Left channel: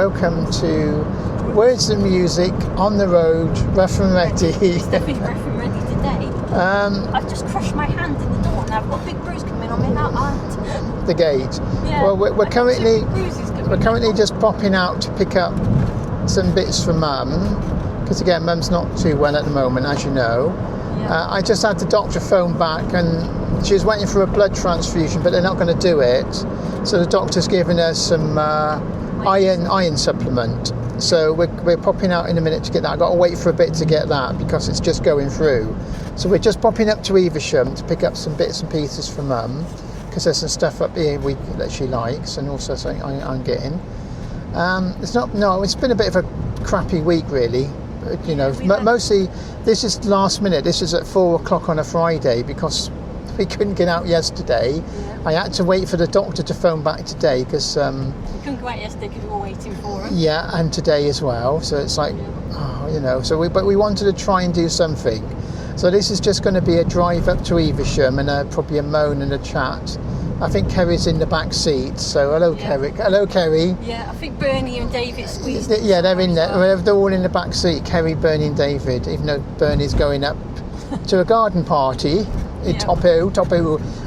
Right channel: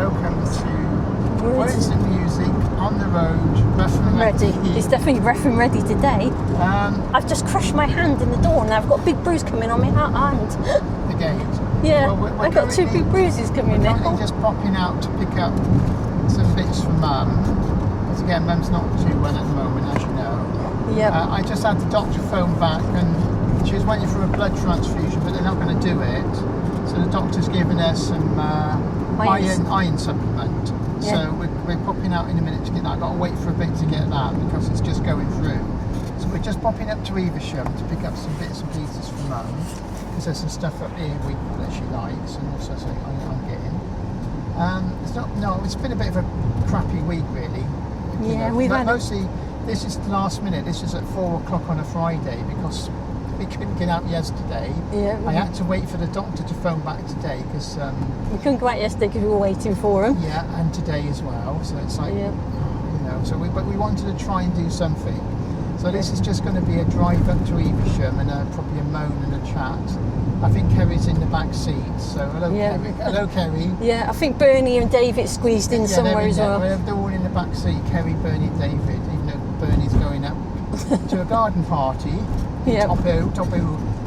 welcome to Words and Music on the road, rough and ready. It's definitely rough and ready today. I've just crushed my hand in the door and I've got a big bruise coming on my hand. The gate. Yeah, Well, we're I've got two big bruises coming. We're currently just popping out to pick up some bits for Mum, because again, Mum's not too well at the moment, as you know. Yeah. I just had the doctor phone back, and she was waiting for a blood transfusion, but they're not going to do it. So the doctor's given her some iron supplement. So we're popping out in a minute to get that. I've got to wait for a bit to get that because it's just going through. So we're just popping up to Evesham to pick up some bits and pieces for Mum, because there's some stuff up here that she likes, and also something I'm getting. It's been a bit of a crappy week, really. You know, mostly this is last minute. This is at 4 o'clock on a Friday because we couldn't get out yesterday. Yeah. I had to wait for the doctor to phone back today because we couldn't go out yesterday because we were waiting for him. Yeah, and today as well. So it's like, you know. But we wanted to try and do something. So this is just going to be a drive up to Evesham and probably a moan and a chat. I think Kerry's in the back seat, so hello, Kerry. Hello, Kerry. Yeah, I think Bernie and David squeezed in somewhere. Yeah, they're in there. Well. They're all in the back seat. Kerry, Bernie, and David. Even though Bernie's going up to a garden party in Top Hill.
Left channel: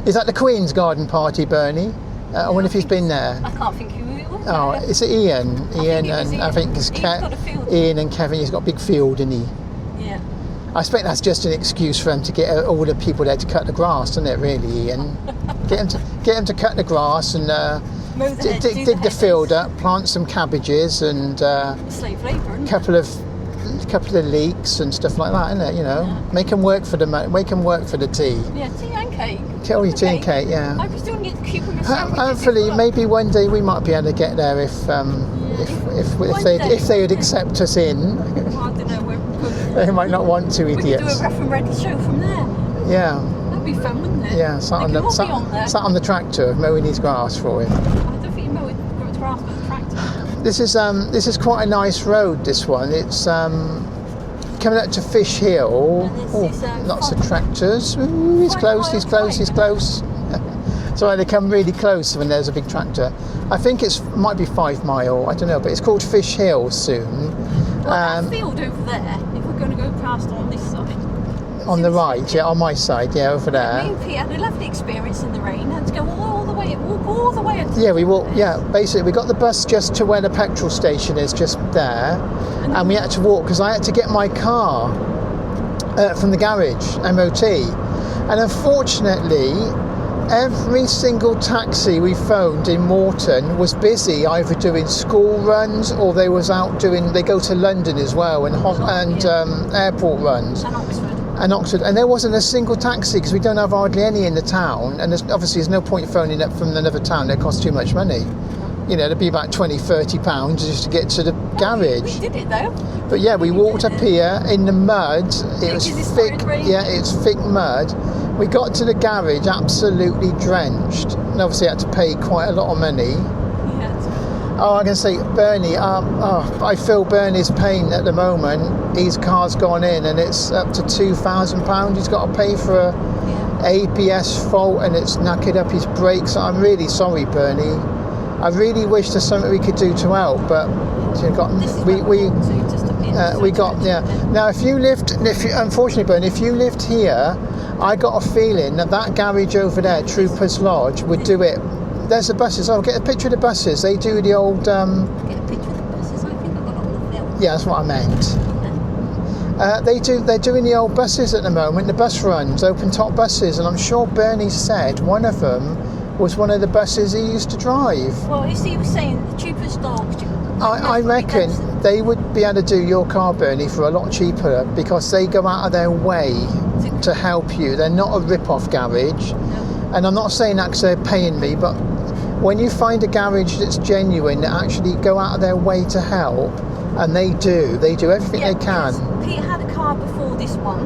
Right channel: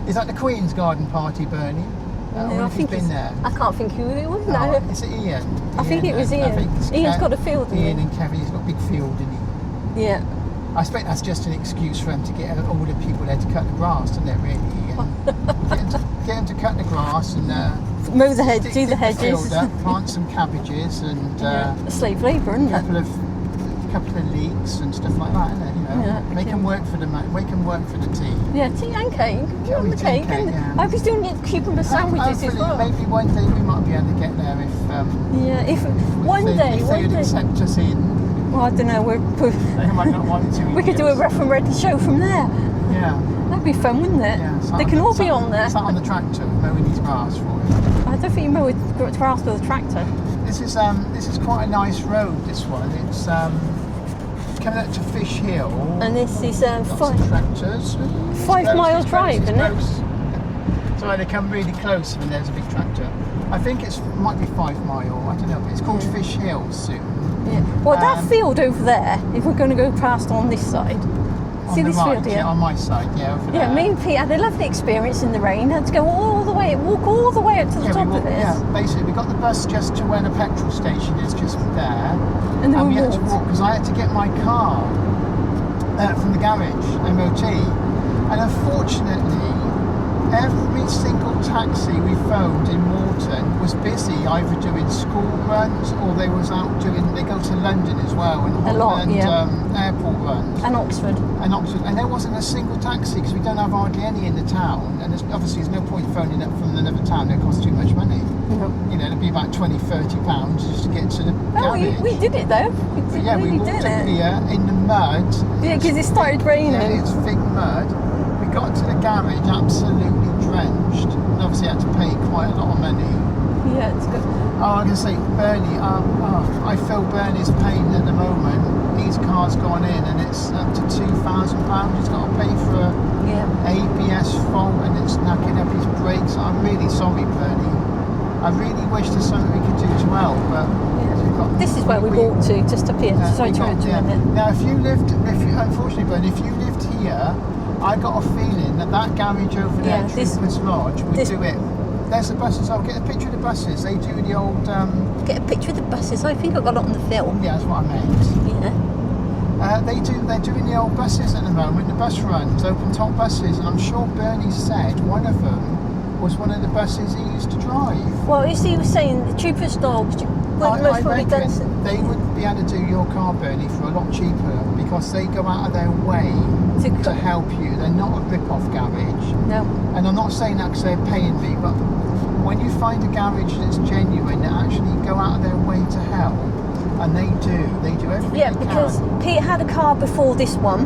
Is that the Queen's garden party, Bernie? I wonder if he's been there. I can't think who it was. Oh, it's Ian. I think it was Ian. I think it's Ian's got a field. Ian and Kevin. He's got a big field, isn't he? Yeah. I expect that's just an excuse for him to get all the people there to cut the grass, isn't it, really, Ian? get him to cut the grass and mow the hedges, dig the field up, plant some cabbages and slave labour, isn't it? Couple of leeks and stuff like that, isn't it? You know, make them work for the tea. Yeah, tea and cake. Tea and cake, yeah. I was doing cucumber sandwiches. Hopefully, maybe one day we might be able to get there if they would accept us in. Well, I don't know. They might not want to. We could do a rough and ready show from there. Yeah. That'd be fun, wouldn't it? Yeah. They could all be on there. Sat on the tractor, mowing his grass for him. I don't think you mow grass with a tractor. This is quite a nice road. This one. It's coming up to Fish Hill. And this is lots of tractors. Ooh, he's close. Sorry, they come really close when there's a big tractor. I think might be 5 mile. I don't know, but it's called Fish Hill soon. Well, that field over there, if we're going to go past on this side. On the right, on my side, over there. Yeah, me and Pete had a lovely experience in the rain. Had to go walk all the way up to the top of this. Yeah, basically we got the bus just to where the petrol station is, just there. And we had to walk, because I had to get my car from the garage, MOT. And unfortunately, every single taxi we phoned in Morton was busy, either doing school runs or they go to London as well, and airport runs. And Oxford. And there wasn't a single taxi because we don't have hardly any in the town, and there's no point phoning up from another town. It costs too much money. Mm-hmm. You know, it'd be about £20-30 just to get to the garage. We did it though. But yeah, we walked up here in the mud. Because it started raining. Yeah, it's thick mud. We got to the garage absolutely drenched, and obviously had to pay quite a lot of money. Yeah, it's good. Oh, I can say, Bernie, I feel Bernie's pain at the moment. His car's gone in and it's up to £2,000 he's got to pay for a ABS fault, and it's knackered up his brakes. I'm really sorry, Bernie. I really wish there's something we could do to help, but this is where we walked to, just up here. Now, unfortunately, Bernie, if you lived here, I got a feeling that garage over there, Troopers Lodge, would do it. There's the buses. I'll get a picture of the buses. They do the old... Get a picture of the buses. I think I got it on the film. Yeah, that's what I meant. Yeah. They're doing the old buses at the moment, the bus runs, open top buses, and I'm sure Bernie said one of them was one of the buses he used to drive. Well, he was saying the Troopers Lodge... I reckon they would be able to do your car, Bernie, for a lot cheaper, because they go out of their way to help you. They're not a rip-off garage. No. And I'm not saying that because they're paying me, but when you find a garage that's genuine, they actually go out of their way to help, and they do everything they can. Pete had a car before this one,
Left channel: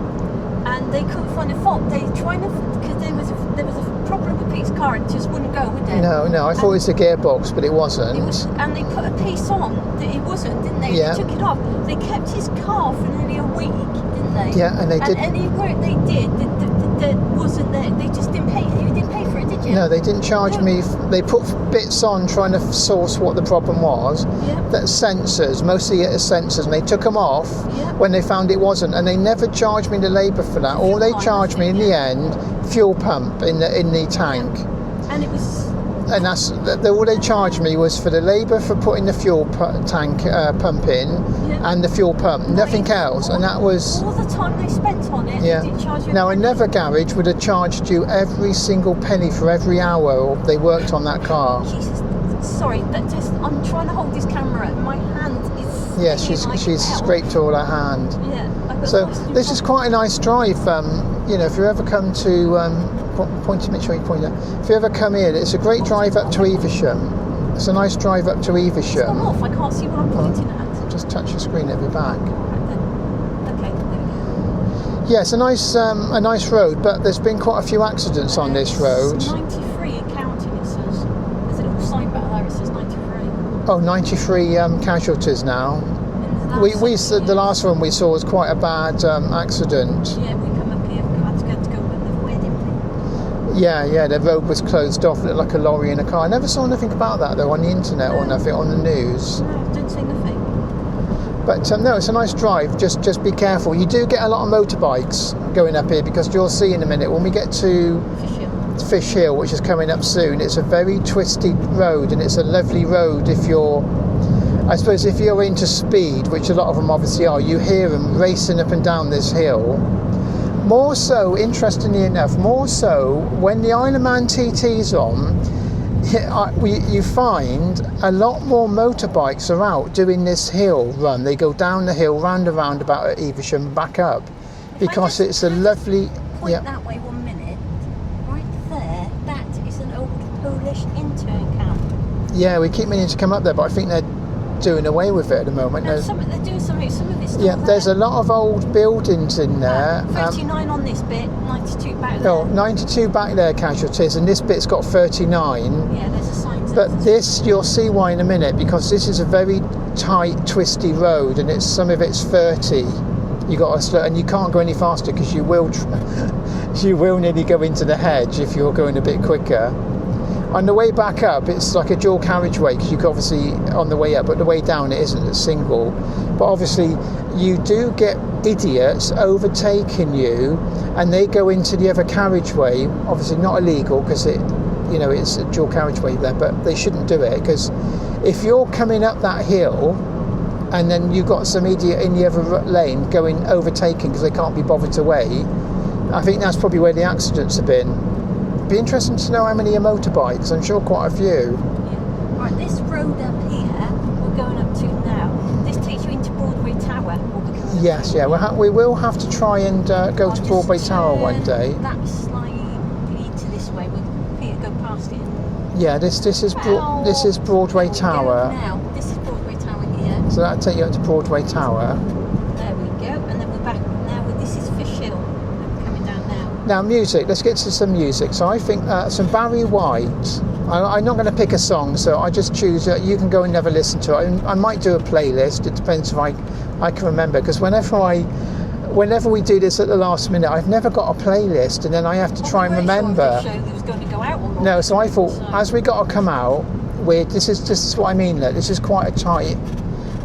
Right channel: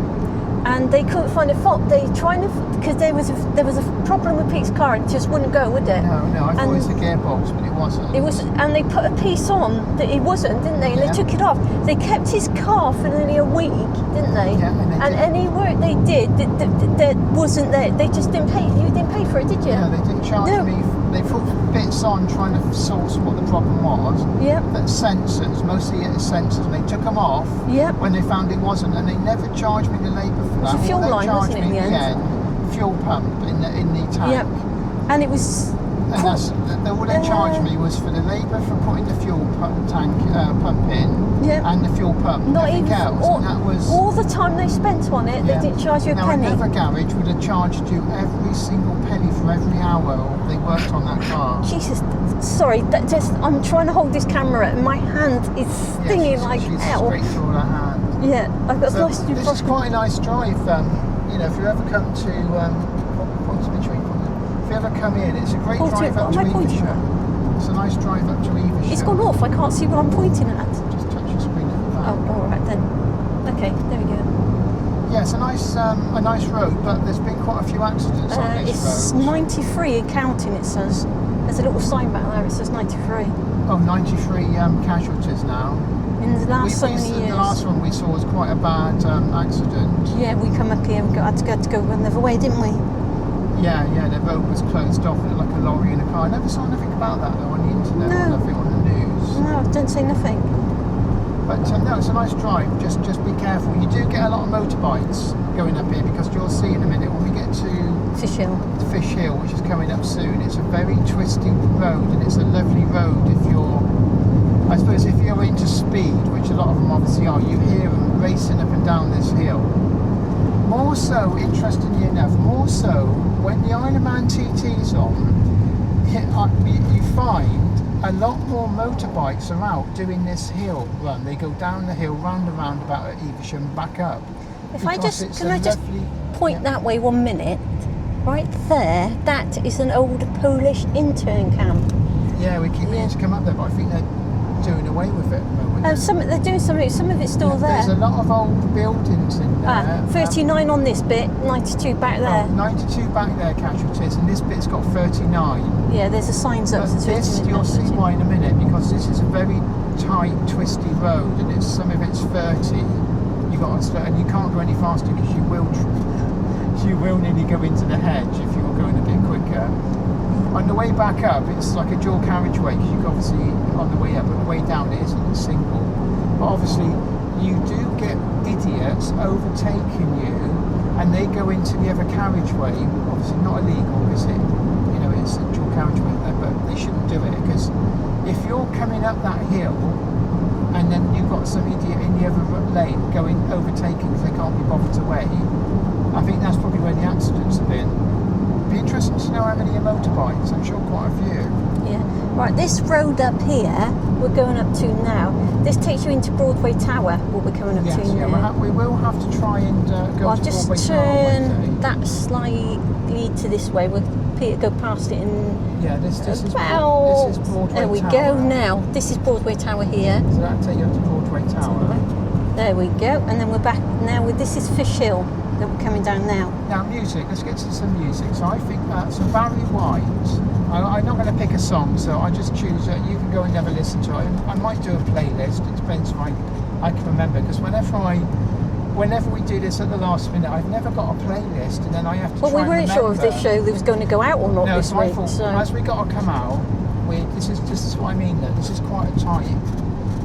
and they couldn't find a fault. They trying to, because there was a problem with Pete's car and it just wouldn't go, would it? No, I thought it was a gearbox, but it wasn't. It was, and they put a piece on that it wasn't, didn't they? Yeah. They took it off. They kept his car for nearly a week, didn't they? Yeah, and they did. And any work they did that wasn't there, they just didn't pay. You didn't pay for it, did you? No, they didn't charge me. They put bits on trying to source what the problem was. Yeah. That sensors, mostly it is sensors, and they took them off when they found it wasn't, and they never charged me the labour for that. All they charged me in the end, fuel pump in the tank. Yeah. And it was. And that's all they charged me was for the labour for putting the fuel tank pump in and the fuel pump, nothing else. And that was all the time they spent on it. Yeah. They didn't charge you a now penny. another garage would have charged you every single penny for every hour they worked on that car. Jesus, sorry. I'm trying to hold this camera, and my hand is stinging like she's hell. scraped all her hand. Yeah, I've got. So this is quite a nice drive. If you ever come to. Point to me, show you point there. If you ever come in, it's a great drive up to Evesham. It's a nice drive up to Evesham. It's gone off. I can't see what I'm pointing at. Just touch the screen at your back. Oh, all right then. Okay, there we go. Yeah, it's a nice road, but there's been quite a few accidents on this road. It's 93 and counting. It says. There's a little sign back there. It says 93. Oh, 93 casualties now. In the last the last one we saw was quite a bad accident. Yeah, we come up here and had to go another way, didn't we? Yeah, the road was closed off, it looked like a lorry and a car. I never saw nothing about that though on the internet or nothing on the news. No, I didn't say nothing. But no, it's a nice drive, just be careful. You do get a lot of motorbikes going up here because you'll see in a minute when we get to Fish Hill, which is coming up soon, it's a very twisty road and it's a lovely road if you're into speed, which a lot of them obviously are. You hear them racing up and down this hill. More so, interestingly enough, when the Isle of Man TT's on, you find a lot more motorbikes are out doing this hill run. They go down the hill, round and round about at Evesham, back up, because it's a lovely... Point that way 1 minute. Right there, that is an old Polish intern camp. Yeah, we keep meaning to come up there, but I think they're doing away with it at the moment. And they're doing something. Some of it's still there. There's a lot of old buildings in there. 39 on this bit, 92 back there. No, 92 back there casualties, and this bit's got 39. Yeah, there's a sign. But this, you'll see why in a minute, because this is a very tight, twisty road, and some of it's 30. You got to slow, and you can't go any faster because you will nearly go into the hedge if you're going a bit quicker. On the way back up, it's like a dual carriageway because you can obviously on the way up, but the way down it isn't a single. But obviously, you do get idiots overtaking you, and they go into the other carriageway. Obviously, not illegal because it's a dual carriageway there, but they shouldn't do it because if you're coming up that hill, and then you've got some idiot in the other lane overtaking because they can't be bothered to wait. I think that's probably where the accidents have been. Be interesting to know how many are motorbikes. I'm sure quite a few. Yeah. Right, this road up here we're going up to now. This takes you into Broadway Tower. What we're coming up to. Yes, yeah. We will have to try and go to Broadway Tower one day. That slightly to this way. We'll go past it in. Yeah, this is Broadway Tower. There we go now. This is Broadway Tower here. So that'll take you up to Broadway Tower. There we go, and then we're back now. This is Fish Hill. We're coming down now. Now music. Let's get to some music. So I think some Barry White. I'm not going to pick a song, so I just choose. You can go and never listen to it. I might do a playlist. It depends if I can remember. Because whenever we do this at the last minute, I've never got a playlist, and then I have to try and remember. Sure if this show was going to go out or not. No, so I thought as we got to come out, this is what I mean. That this is quite a tight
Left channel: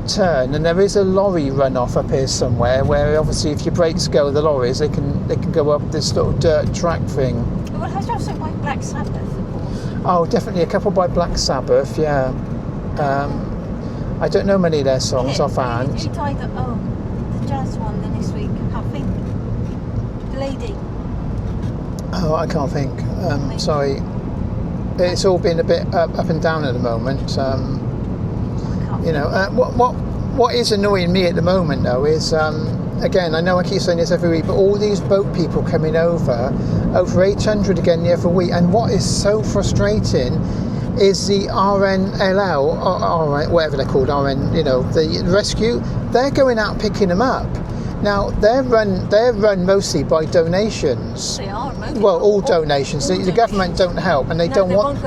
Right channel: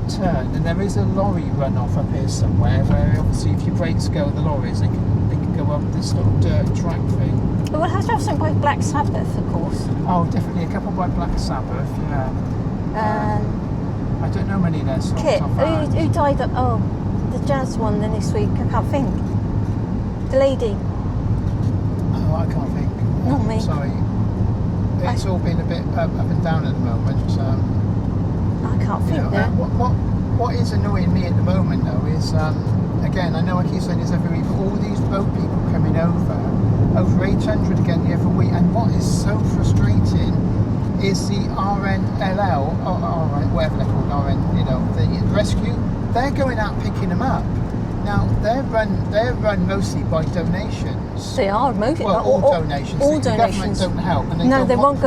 turn, and there is a lorry run off up here somewhere. Where obviously, if your brakes go, the lorries they can go up this little dirt track thing. Well, it has to have something by Black Sabbath, of course. Oh, definitely a couple by Black Sabbath. Yeah. I don't know many of their songs offhand. Who died? The jazz one then this week. I can't think. The lady. Oh, I can't think. Sorry. It's all been a bit up and down at the moment. I can't think. What is annoying me at the moment though is again, I know I keep saying this every week, but all these boat people coming over 800 again the other week, and what is so frustrating is the RNLL, or whatever they're called, the rescue, they're going out picking them up. Now they're run mostly by donations. They are mostly. Well, all donations. All The government don't help, and they don't want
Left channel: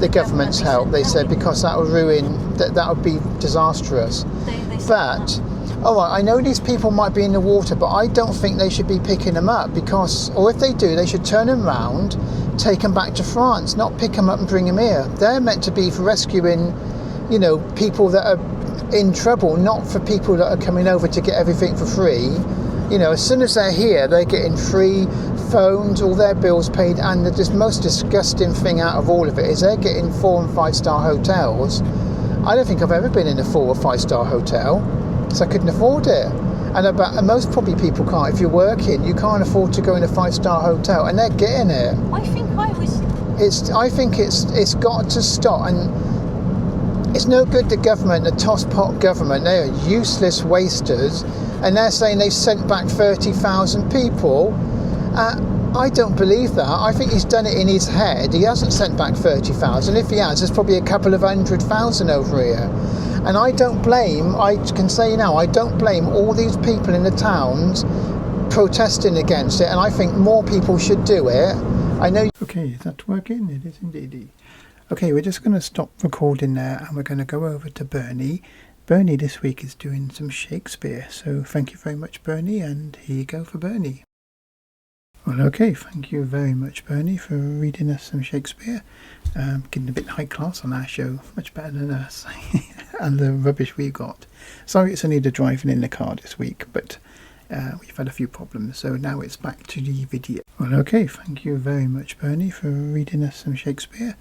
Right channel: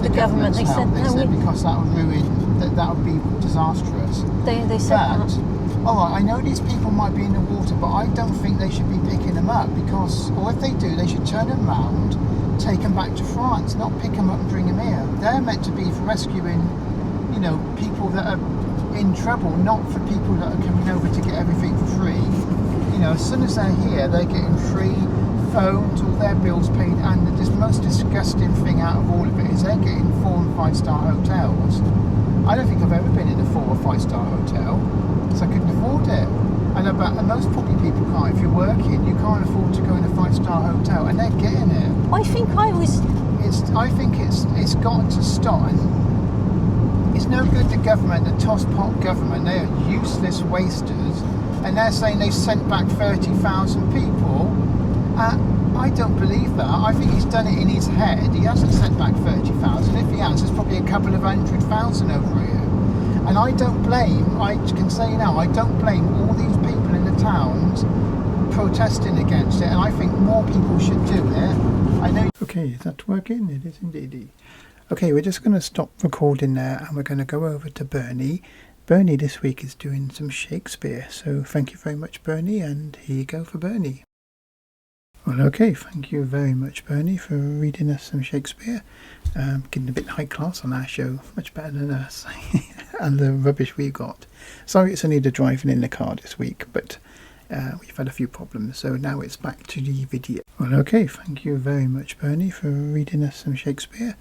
the government's help. They said because that will ruin, that would be disastrous. They said But all right, I know these people might be in the water, but I don't think they should be picking them up because, or if they do, they should turn them round, take them back to France, not pick them up and bring them here. They're meant to be for rescuing, people that are in trouble, not for people that are coming over to get everything for free. As soon as they're here, they're getting free phones, all their bills paid, and the most disgusting thing out of all of it is they're getting 4 and 5 star hotels. I don't think I've ever been in a 4 or 5 star hotel because I couldn't afford it. And most probably people can't. If you're working, you can't afford to go in a 5 star hotel, and they're getting it. I think it's got to stop, and it's no good the government, the tosspot government, they are useless wasters, and they're saying they sent back 30,000 people. I don't believe that. I think he's done it in his head. He hasn't sent back 30,000. If he has, there's probably a couple of 100,000 over here. And I can say now, I don't blame all these people in the towns protesting against it, and I think more people should do it. Okay, is that working? It is indeed. Okay, we're just going to stop recording there and we're going to go over to Bernie. Bernie this week is doing some Shakespeare, so thank you very much, Bernie, and here you go for Bernie. Well, okay, thank you very much, Bernie, for reading us some Shakespeare. Getting a bit high class on our show, much better than us, and the rubbish we got. Sorry it's only the driving in the car this week, but we've had a few problems, so now it's back to the video. Well, okay, thank you very much, Bernie, for reading us some Shakespeare.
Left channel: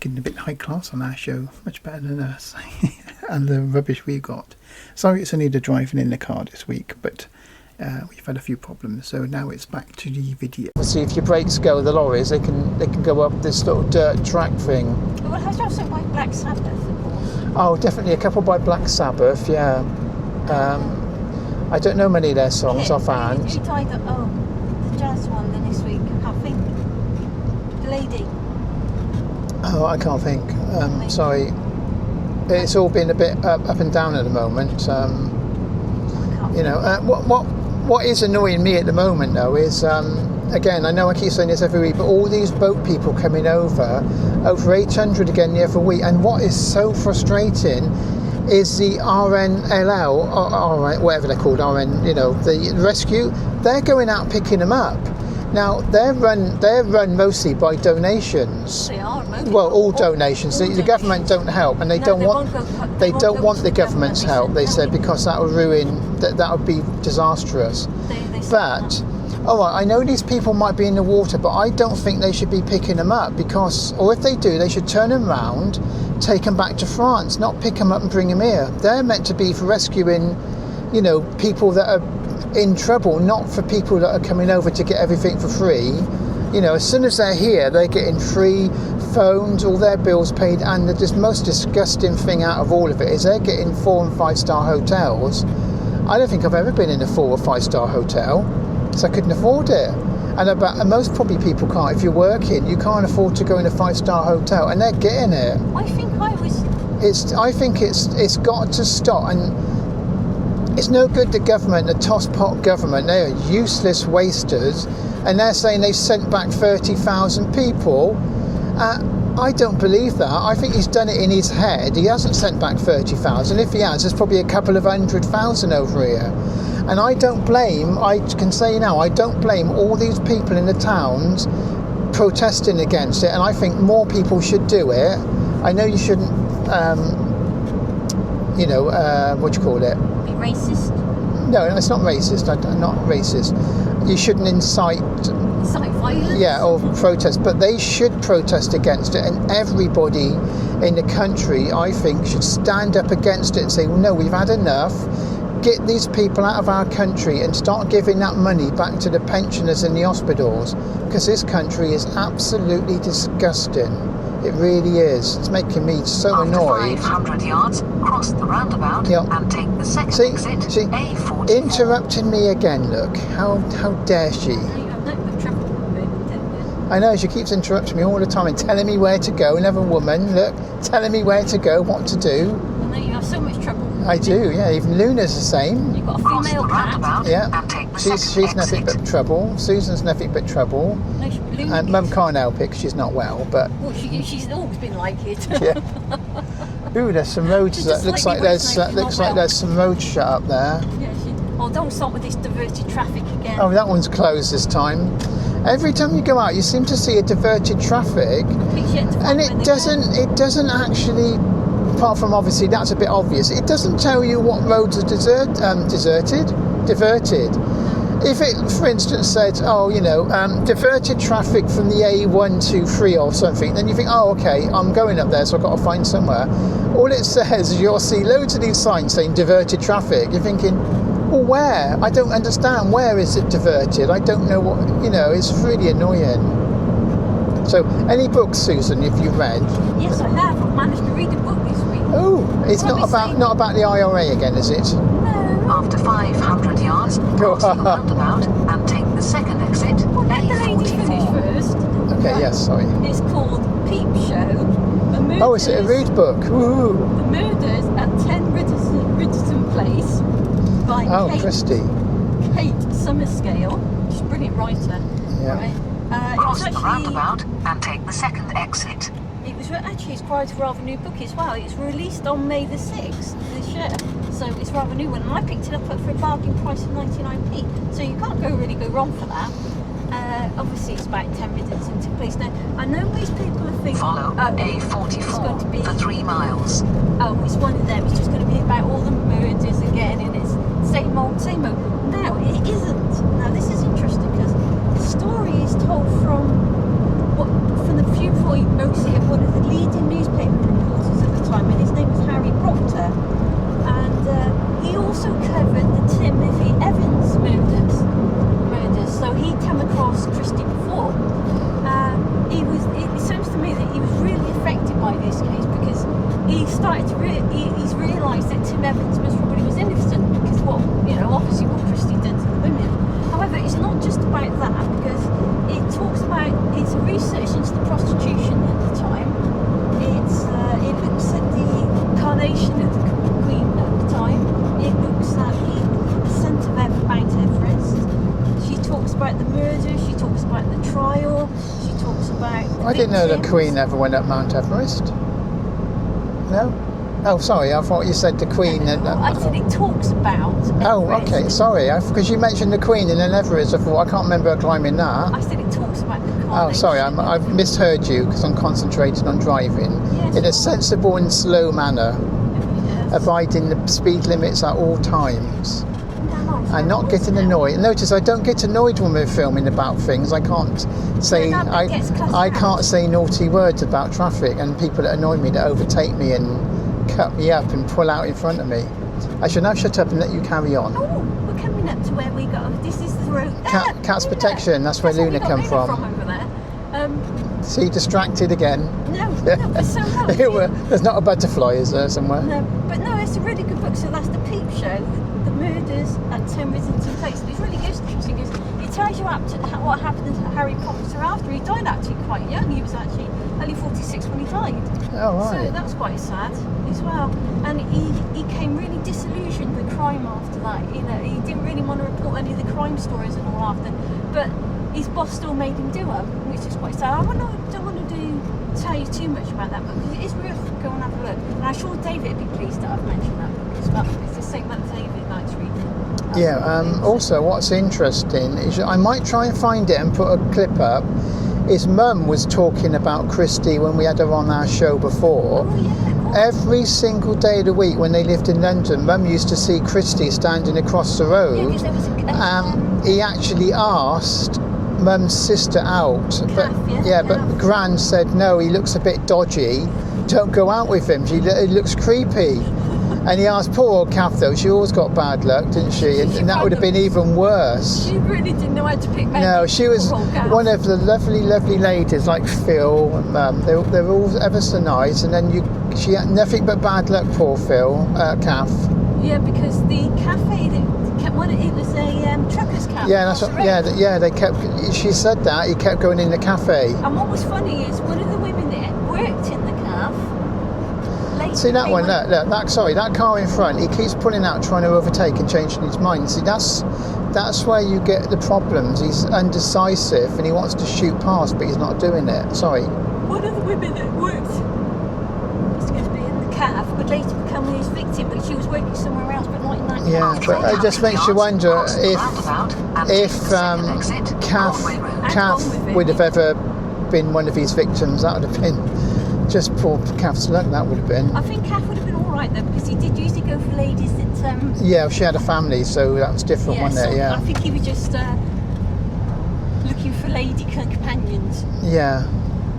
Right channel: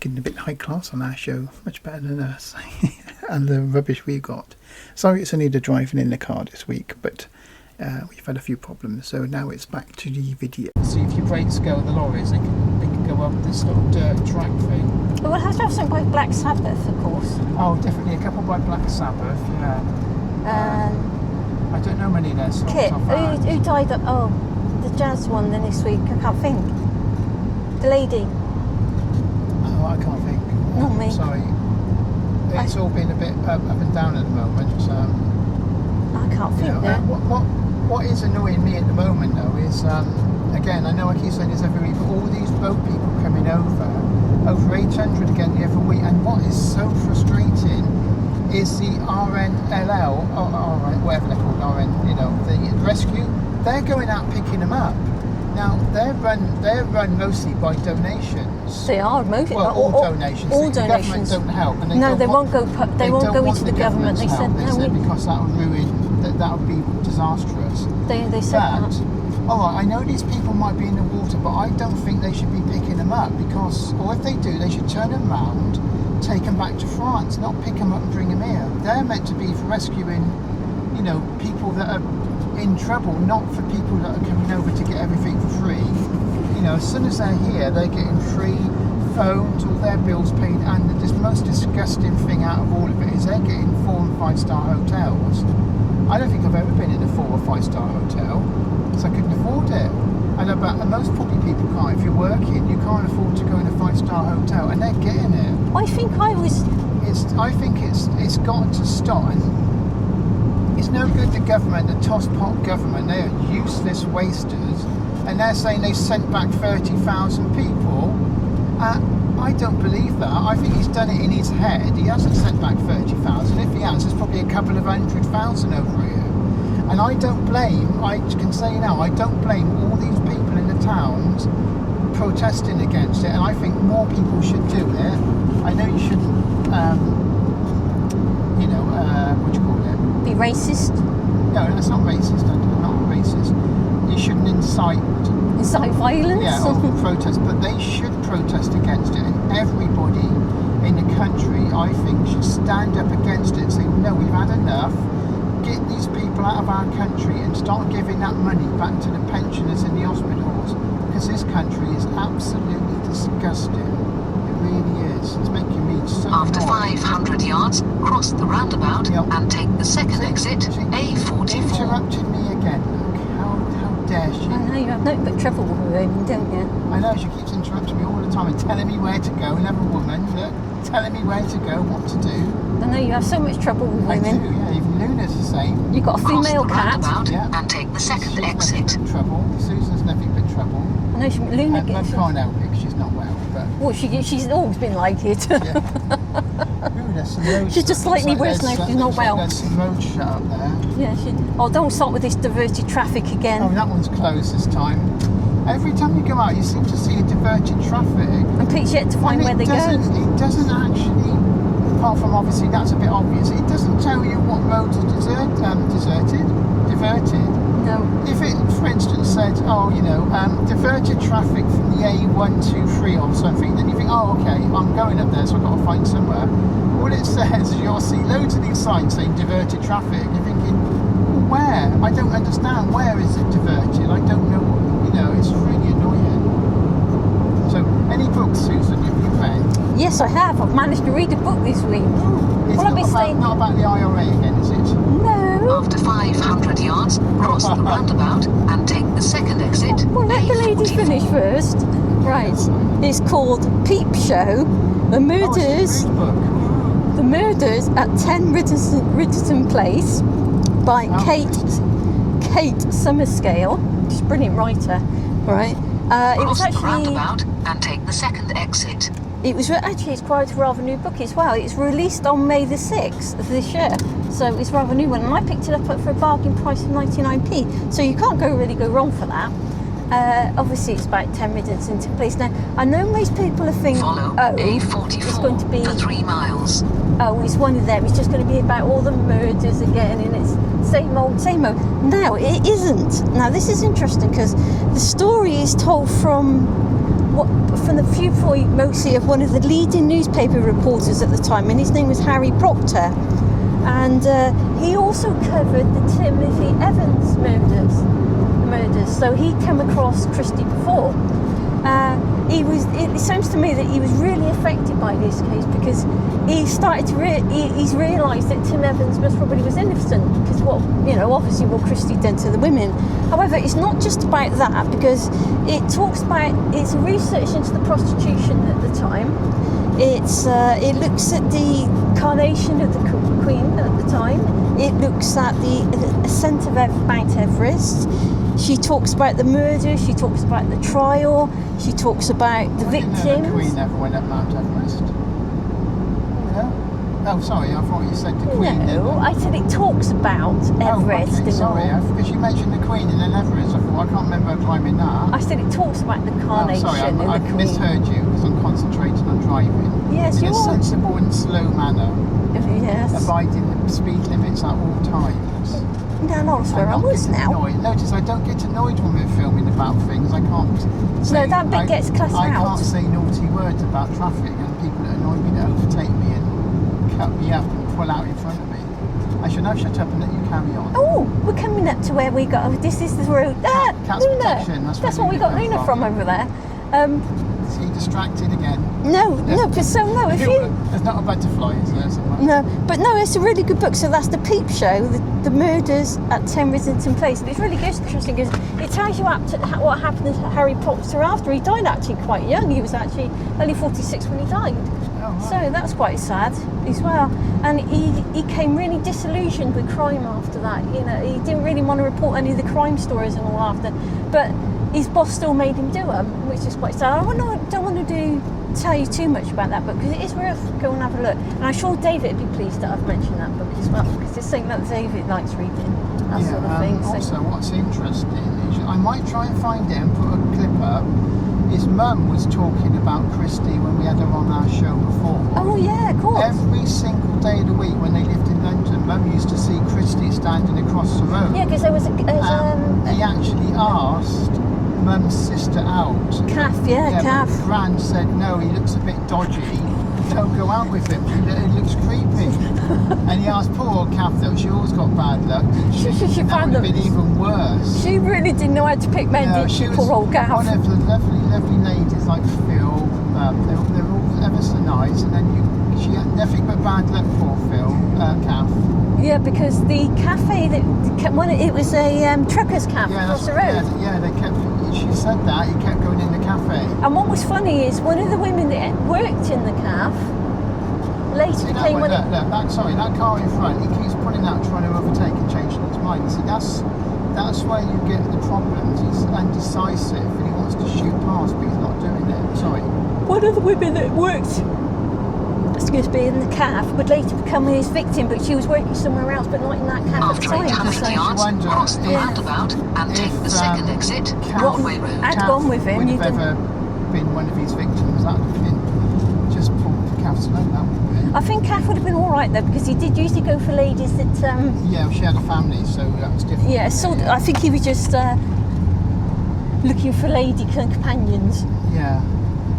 Getting a bit high class on our show, much better than us, and the rubbish we got. Sorry it's only the driving in the car this week, but we've had a few problems, so now it's back to the video. See, if your brakes go, the lorries, they can go up this little dirt track thing. Well, it has to have something by Black Sabbath, of course. Oh, definitely a couple by Black Sabbath, yeah. I don't know many of their songs offhand. Who died? The jazz one then this week. I can't think. The lady. Oh, I can't think. Not me. Sorry. It's all been a bit up and down at the moment. I can't think. What is annoying me at the moment though is again, I know I keep saying this every week, but all these boat people coming over 800 again the other week, and what is so frustrating is the RNLL, whatever they're called, the rescue, they're going out picking them up. Now they're run mostly by donations. They are mostly. Well, all donations. The government don't help, and they don't want the government's help. They said because that will ruin, that would be disastrous. They said but all right, I know these people might be in the water, but I don't think they should be picking them up because, or if they do, they should turn them round, take them back to France, not pick them up and bring them here. They're meant to be for rescuing, people that are in trouble, not for people that are coming over to get everything for free. As soon as they're here, they're getting free phones, all their bills paid, and the most disgusting thing out of all of it is they're getting 4 and 5 star hotels. I don't think I've ever been in a 4 or 5 star hotel because I couldn't afford it. And most probably people can't. If you're working, you can't afford to go in a 5 star hotel, and they're getting it. I think it's got to stop, and it's no good the government, the tosspot government, they are useless wasters, and they're saying they sent back 30,000 people. I don't believe that. I think he's done it in his head. He hasn't sent back 30,000. If he has, there's probably a couple of 100,000 over here. And I can say now, I don't blame all these people in the towns protesting against it, and I think more people should do it. I know you shouldn't, what do you call it? Be racist? No, it's not racist. I'm not racist. You shouldn't incite violence? Yeah, or protest, but they should protest against it, and everybody in the country, I think, should stand up against it and say, no, we've had enough. Get these people out of our country and start giving that money back to the pensioners in the hospitals, because this country is absolutely disgusting. It really is. It's making me so annoyed. After 500 yards, Cross the roundabout Yeah. and take the second exit, A44. Interrupting me again, look. How dare she? I know you have no but trouble with her, don't you? I know, she keeps interrupting me all the time and telling me where to go. Another woman, look, telling me where to go, what to do. I know you have so much trouble with I women. do, yeah. Even Luna's the same. You've got a Cross female the cat. roundabout Yeah. and take the She's second nothing exit. but trouble. Susan's nothing but trouble. No, Luna And Mum can't help it because she's not well, but... Well, she's always been like it. Yeah. Ooh, there's some roads. She's just looks slightly like worse there's now, she's not looks like well. there's some roads shut up there. Yeah, oh, don't start with this diverted traffic again. Oh, that one's closed this time. Every time you go out, you seem to see a diverted traffic, And Pete's yet to find and where they go. it doesn't actually. Apart from obviously that's a bit obvious. It doesn't tell you what roads are diverted. No. If it, for instance, said, oh, diverted traffic from the A123 or something, then you think, oh, okay, I'm going up there, so I've got to find somewhere. All it says is you'll see loads of these signs saying diverted traffic. You're thinking, well, where? I don't understand. Where is it diverted? I don't know what, it's really annoying. So, any books, Susan, have you read? Yes, I have. I've managed to read a book this week. Oh, it's Well, not about the IRA again, is it? No. After 500 yards, cross the roundabout and take the second exit, Well, let the lady A44. finish first. Okay, Right. yeah, sorry. It's called Peep Show. The Murders. Oh, is it a rude book? Ooh. The Murders at 10 Riddleton Place by Oh, Christy. Kate Summerscale. She's a brilliant writer, Yeah. right? It Cross was the actually. roundabout and take the second exit. It's quite a rather new book as well. It's released on May the 6th of this year, so it's a rather new one. And I picked it up for a bargain price of 99p. So you can't really go wrong for that. Obviously, it's about 10 minutes into place. Now, I know most people are thinking, Follow it's going to be, A44 for 3 miles. oh, it's one of them. It's just going to be about all the murders again, and it's same old, same old. No, it isn't. Now, this is interesting because the story is told from the viewpoint mostly of one of the leading newspaper reporters at the time, and his name was Harry Proctor. And he also covered the Timothy Evans murders. So he'd come across Christie before. It sounds to me that he was really affected by this case because he started to he's realised that Tim Evans most probably was innocent because obviously what Christie did to the women. However, it's not just about that because it talks about it's a research into the prostitution at the time. It looks at the carnation of the Queen at the time. It looks at the ascent of Mount Everest. She talks about the murder. She talks about the trial. She talks about the I victims. didn't know the Queen ever went up Mount Everest. No? Oh, sorry, I thought you said the Queen. No, I said it talks about Everest. Oh, okay, sorry, because you mentioned the Queen and then Everest. I thought, I can't remember her climbing that. I said it talks about the Oh, carnation. sorry, of the I've Queen. misheard you because I'm concentrating on driving Yes, in you a are. sensible and slow manner, Yes. abiding the speed limits at all times. No, no, sorry, I'm not I was getting now. annoyed. Notice I don't get annoyed when we're filming about things. I can't say that bit gets cut I out. can't say naughty words about traffic and people that annoy me that overtake me and cut me up and pull out in front of me. I should now shut up and let you carry on. Oh, we're coming up to where we got. This is the road. Cat's Luna. protection, that's where where we Luna got come Luna from. over there. See, distracted again. No, but so no. If you, There's not a butterfly, is there, somewhere? no, but no, it's a really good book. So that's the Peep Show, the murders at 10 Riddleton Place. It's really good, interesting because it tells you what happened to Harry Proctor after he died. Actually, quite young. He was actually only 46 when he died. Oh, right. So that's quite sad as well. And he came really disillusioned with crime after that. He didn't really want to report any of the crime stories and all after, but his boss still made him do them, which is quite sad. I don't want to tell you too much about that book because it is worth going and have a look. And I'm sure David would be pleased that I've mentioned that book as well because it's something that David likes reading. That Yeah, sort of thing. So- also what's interesting is I might try and find it and put a clip up. His mum was talking about Christie when we had her on our show before. Oh yeah, of course. Every single day of the week when they lived in London, Mum used to see Christie standing across the road. Yeah, because there was He actually asked Mum's sister out. Kath, but Kath. Gran said no, he looks a bit dodgy. don't go out with him. It looks creepy. And he asked poor old Kath though. She always got bad luck, didn't she? And that would have been even worse. She really didn't know how to pick men. No, she was poor old Kath. one of the lovely ladies like Phil. They're all ever so nice. And then she had nothing but bad luck. Poor Phil, Kath. Yeah, because the cafe it was a truckers' cafe. Yeah, that's what, yeah. They kept. She said that he kept going in the cafe. And what was funny is one of the women that worked in the cafe. See that one? Look, sorry, that car in front. He keeps pulling out, trying to overtake and changing his mind. See, that's where you get the problems. He's undecisive and he wants to shoot past, but he's not doing it. Sorry. One of the women that worked, in the cafe would later become his victim, but she was working somewhere else, but not in that cafe. Yeah, it just makes you wonder if Kath would have ever been one of his victims. That would have been just poor Kath's luck. That would have been. I think Kath would have been all right though, because he did usually go for ladies that. Yeah, she had a family, so that was different. Yeah, wasn't it? Yeah. I think he was just looking for lady companions. Yeah.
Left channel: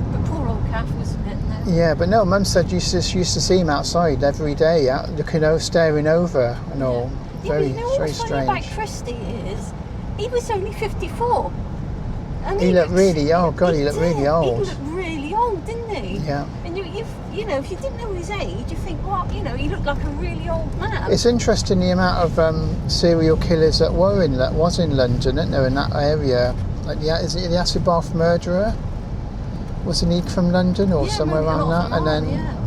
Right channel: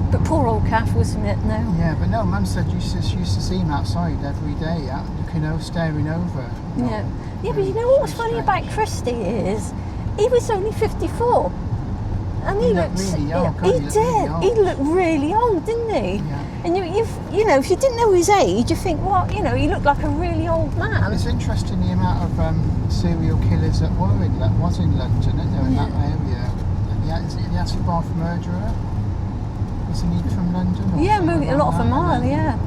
But poor old Kath, wasn't it? No. Yeah, but no, Mum said you used to see him outside every day, looking over, staring over and all. Yeah, but you know what's funny about Christy is, he was only 54. And he looked really old. God, he looked really old. He looked really old, didn't he? Yeah. And you know, if you didn't know his age, you think, well, you know, he looked like a really old man. It's interesting the amount of serial killers that was in London, isn't there, in that area? Like, is it the acid bath murderer? Wasn't he from London or somewhere around a lot from Ireland, yeah.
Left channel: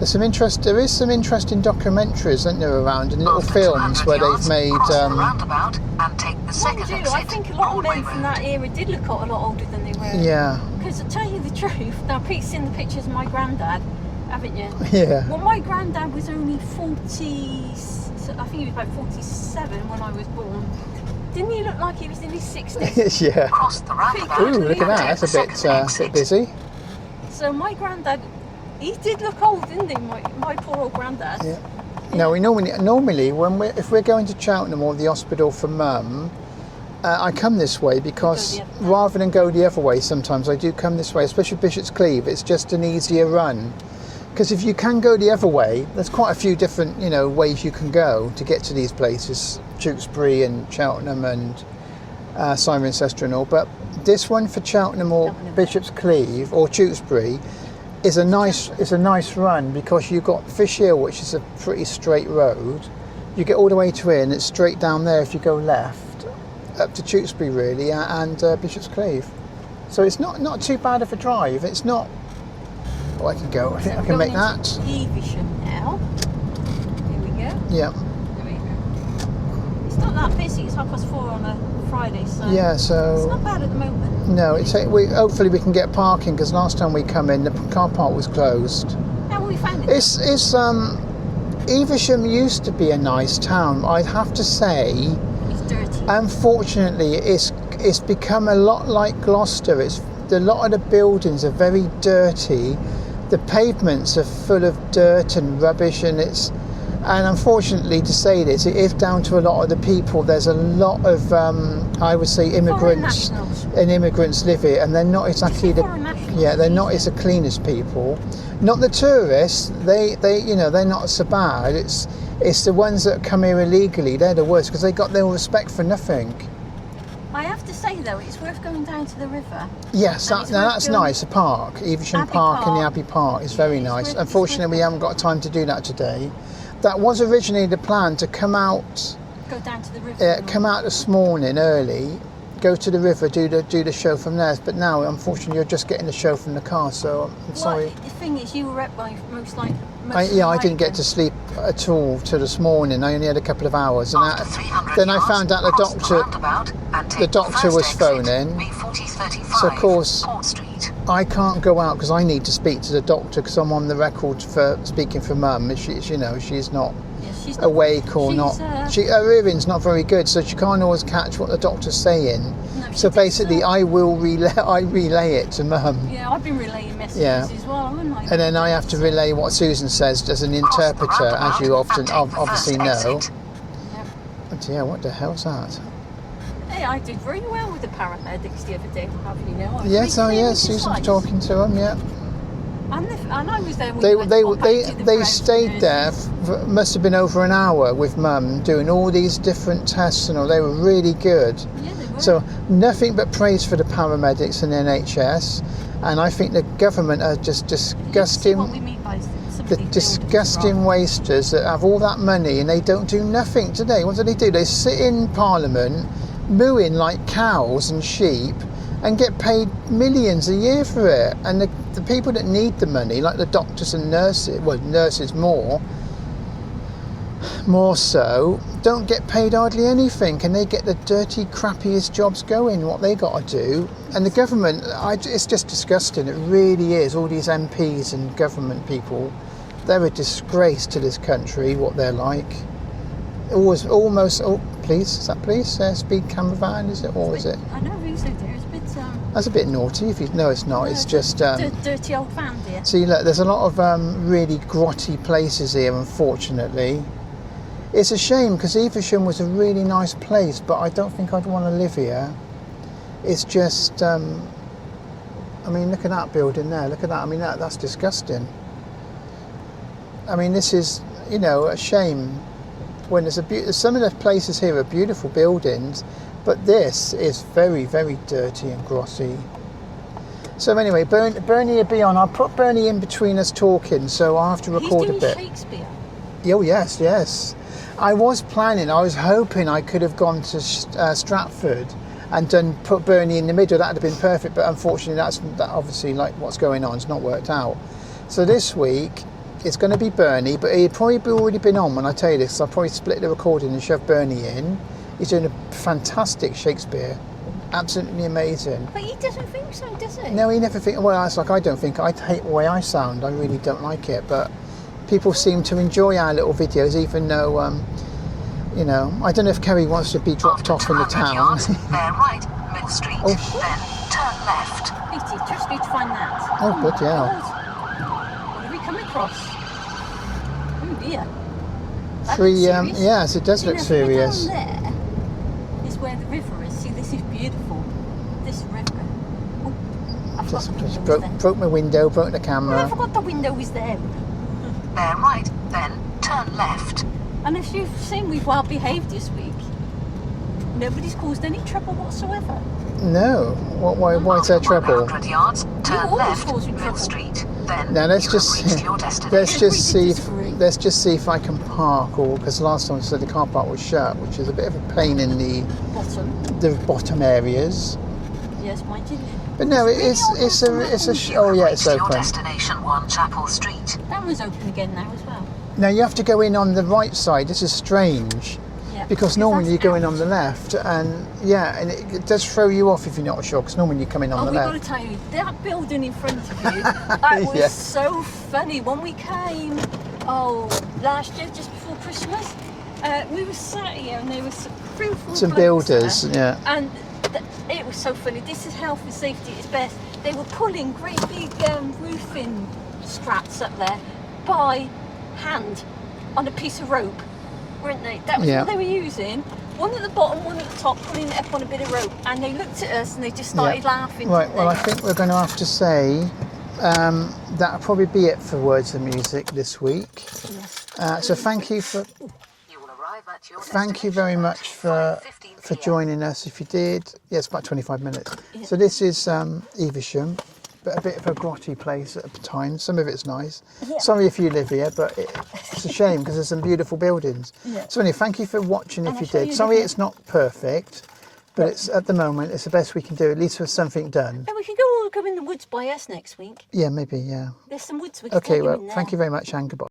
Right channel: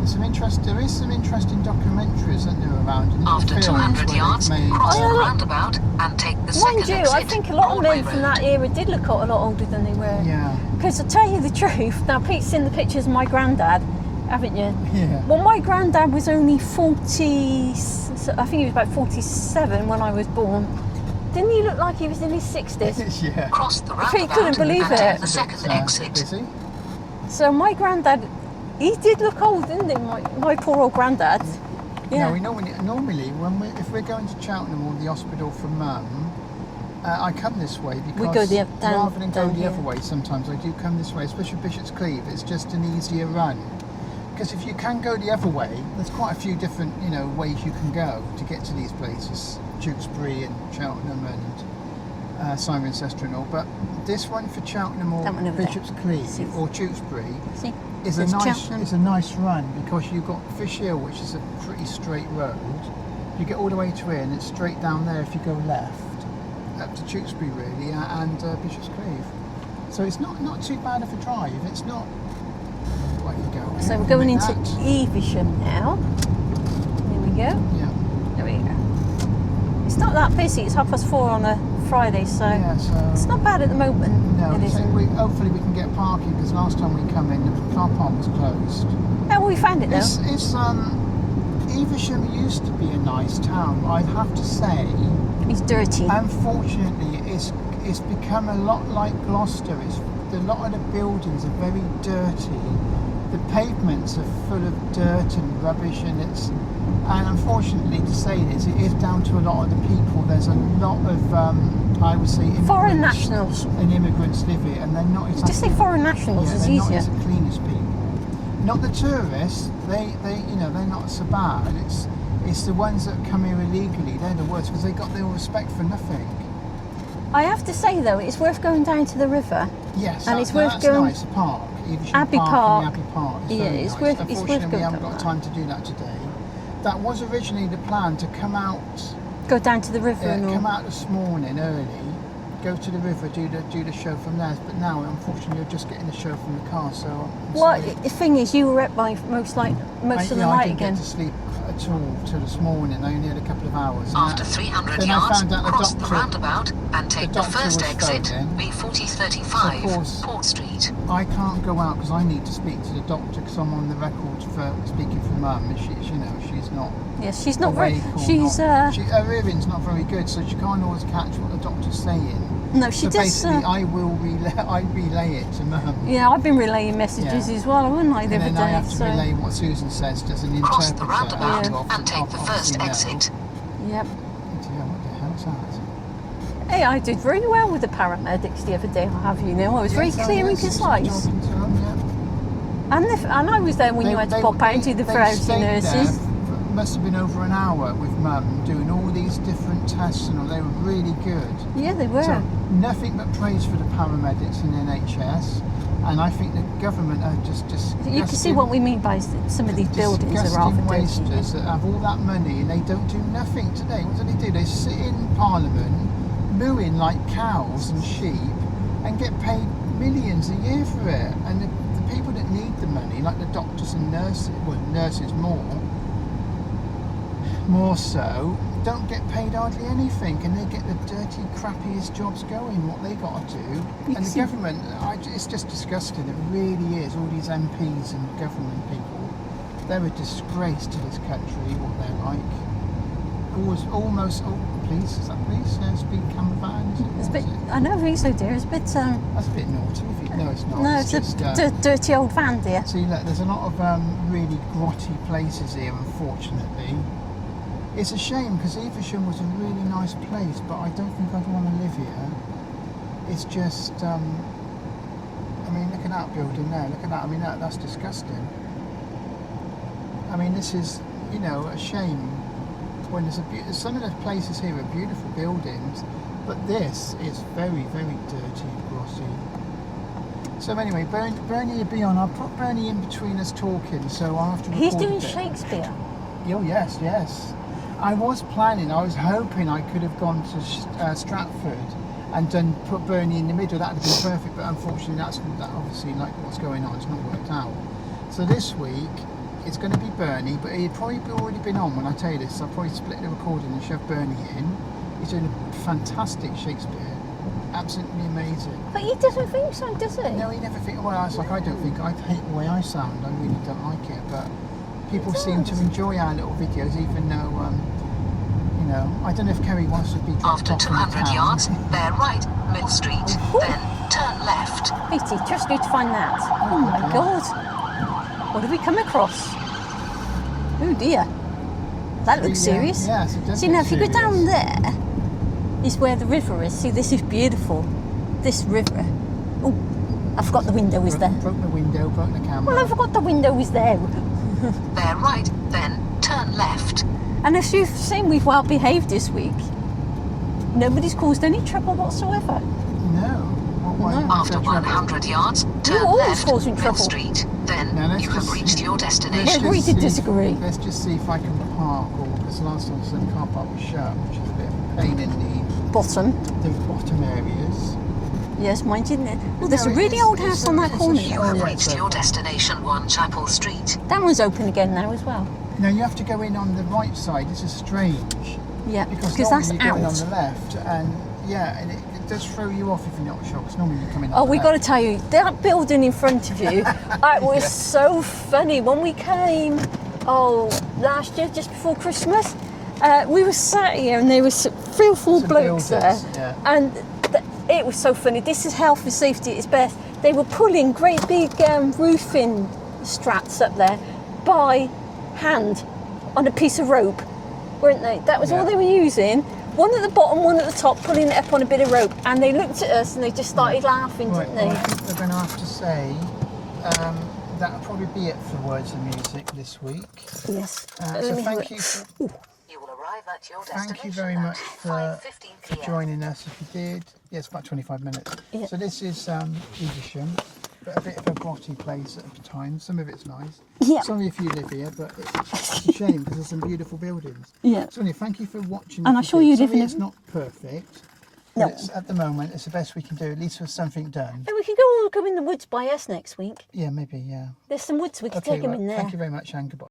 There is some interesting documentaries, isn't there, around, and little films where they've made. Roundabout and take the second exit. I think a lot of men from that era did look a lot older than they were. Yeah. Because to tell you the truth, now Pete's seen the pictures of my granddad, haven't you? Yeah. Well, my granddad was only 40. I think he was about 47 when I was born. Didn't he look like he was in his 60s? Yeah. Cross the roundabout. Couldn't believe it. That's a bit busy. So my granddad, he did look old, didn't he? My poor old granddad. Yeah. Yeah. No, we normally if we're going to Cheltenham or the hospital for Mum, I come this way because rather than go the other way, sometimes I do come this way, especially Bishop's Cleeve. It's just an easier run. Because if you can go the other way, there's quite a few different, ways you can go to get to these places, Tewkesbury and Cheltenham and Cirencester and all. But this one for Cheltenham or Bishop's Cleeve or Tewkesbury is a nice run, because you've got Fish Hill, which is a pretty straight road. You get all the way to here, and it's straight down there if you go left up to Tewkesbury really, and Bishop's Cleeve. So it's not too bad of a drive. It's not. I can go. So we're going into Evesham now. Here we go. Yeah. There we go. It's not that busy. It's 4:30 on a Friday, so it's not bad at the moment. No, hopefully we can get parking, because last time we come in, the car park was closed. Oh, well, we found it now. Evesham used to be a nice town. I'd have to say. It's dirty. Unfortunately, it's become a lot like Gloucester. A lot of the buildings are very dirty. The pavements are full of dirt and rubbish, and unfortunately to say this, it is down to a lot of the people. There's a lot of I would say immigrants live here, and they're not exactly foreign nationals. Yeah, they're not as the cleanest people. Not the tourists. They're not so bad. It's the ones that come here illegally. They're the worst, because they got no respect for nothing. I have to say though, it's worth going down to the river. Yes, that's nice. The park, Evesham Park and the Abbey Park is very nice. Unfortunately, we haven't got time to do that today. That was originally the plan, to come out. Go down to the river. Come out this morning early, go to the river, do the show from there. But now, unfortunately, you're just getting the show from the car. So I'm sorry. The thing is, you were up by most of the night. I didn't get to sleep at all till this morning. I only had a couple of hours, and After 300 then yards, I found out the doctor was phoning. So of course I can't go out, because I need to speak to the doctor, because I'm on the record for speaking for Mum. She's not. Yes, she's not awake or not. Her hearing's not very good, so she can't always catch what the doctor's saying. No, she so basically, I relay it to Mum. Yeah, I've been relaying messages as well, haven't I? And then I have to relay what Susan says as an interpreter, as you obviously know. Yep. But yeah, what the hell's that? Hey, I did very well with the paramedics the other day. I'll have you know, I was very clear and concise. Susan was talking to them. Yeah. And I was there when you had to pop out to the they variety stayed there, nurses. must have been over an hour with Mum doing all these different tests and all. They were really good. Yeah, they were. So nothing but praise for the paramedics and the NHS. And I think the government are just disgusting. You can see what we mean by some of The these buildings disgusting are rather wasters that have all that money and they don't do nothing today. What do? They sit in Parliament mooing like cows and sheep and get paid millions a year for it. And the people that need the money, like the doctors and nurses, well, nurses more so, don't get paid hardly anything, and they get the dirty, crappiest jobs going, what they got to do. And the government, it's just disgusting, it really is. All these MPs and government people, they're a disgrace to this country, what they're like. Almost, oh, please, is that police? Speed camera van, is it? What was it? I know, really, so dear. It's a bit... That's a bit naughty. No, it's not. No, it's just... dirty old van, dear. See, look, there's a lot of really grotty places here, unfortunately. It's a shame, because Evesham was a really nice place, but I don't think I'd want to live here. It's just... I mean, look at that building there. Look at that. I mean, that's disgusting. I mean, this is, you know, a shame. When there's some of the places here are beautiful buildings, but this is very, very dirty and grossy. So anyway, Bernie will be on. I'll put Bernie in between us talking, so I'll have to record a bit. He's doing Shakespeare. Oh yes. I was hoping I could have gone to Stratford and put Bernie in the middle. That would have been perfect, but unfortunately, that obviously, like what's going on, it's not worked out. So this week, it's going to be Bernie, but he'd probably already been on when I tell you this. So I'll probably split the recording and shove Bernie in. He's doing a fantastic Shakespeare, absolutely amazing. But he doesn't think so, does he? No, he never thinks. Well, it's like I don't think. I hate the way I sound. I really don't like it. But people seem to enjoy our little videos, even though, you know, I don't know if Kerry wants to be dropped off in the town. Yards, bear right, Mill Street, Oh. then turn left. Petey, just need to find that. Oh, good, my yeah. God. What did we come across? Oh dear. That looks serious. Yes, it does See, look now, serious. if you go down there, is where the river is. See, this is beautiful. This river. Oh, I forgot the window was there. Broke my window, broke the camera. Well, I forgot the window was there. Bear right, then turn left. And as you've seen, we've well behaved this week. Nobody's caused any trouble whatsoever. No. What's their After trouble? 100 yards, turn always left, causing Mill trouble. Street. Then Now let's you just have reached your destination. let's just see if I can park, or because last time I said the car park was shut, which is a bit of a pain in the bottom areas. Yes, mine didn't it? But There's no, a really it's- old it's house on a- that it's a corner. sh- You Oh, have yeah, it's reached your open. destination, 1 Chapel Street. That one's open again now as well. Now you have to go in on the right side. This is strange. Yeah. Because normally that's you're going out. on the left, and and it does throw you off if you're not sure, because normally you're coming on Oh, the we've left. got to tell you, that building in front of you, that was Yeah. so funny. When we came, last year, just before Christmas, we were sat here and there was 3 or 4 Some blokes builders, there. yeah. And it was so funny. This is health and safety at its best. They were pulling great big roofing straps up there by hand on a piece of rope, weren't they? That was Yeah. all they were using. One at the bottom, one at the top, pulling it up on a bit of rope. And they looked at us and they just started laughing, Right, didn't well, they? I think we're going to have to say that'll probably be it for Words of Music this week. Yes. So thank you for You will arrive at your thank you very much for 5:15 p.m. joining us. If you did, it's about 25 minutes. Yeah. So this is Evesham, but a bit of a grotty place at the time. Some of it's nice. Yeah. Sorry if you live here, but it's a shame because there's some beautiful buildings. Yeah. So anyway, thank you for watching. And I'm if you sure did, you sorry live in- it's not perfect, but No. it's at the moment it's the best we can do. At least there's something done. Yeah, we could go in the woods by us next week. Yeah, maybe. Yeah. There's some woods we could Okay. take you Well, in there. thank you very much, and goodbye.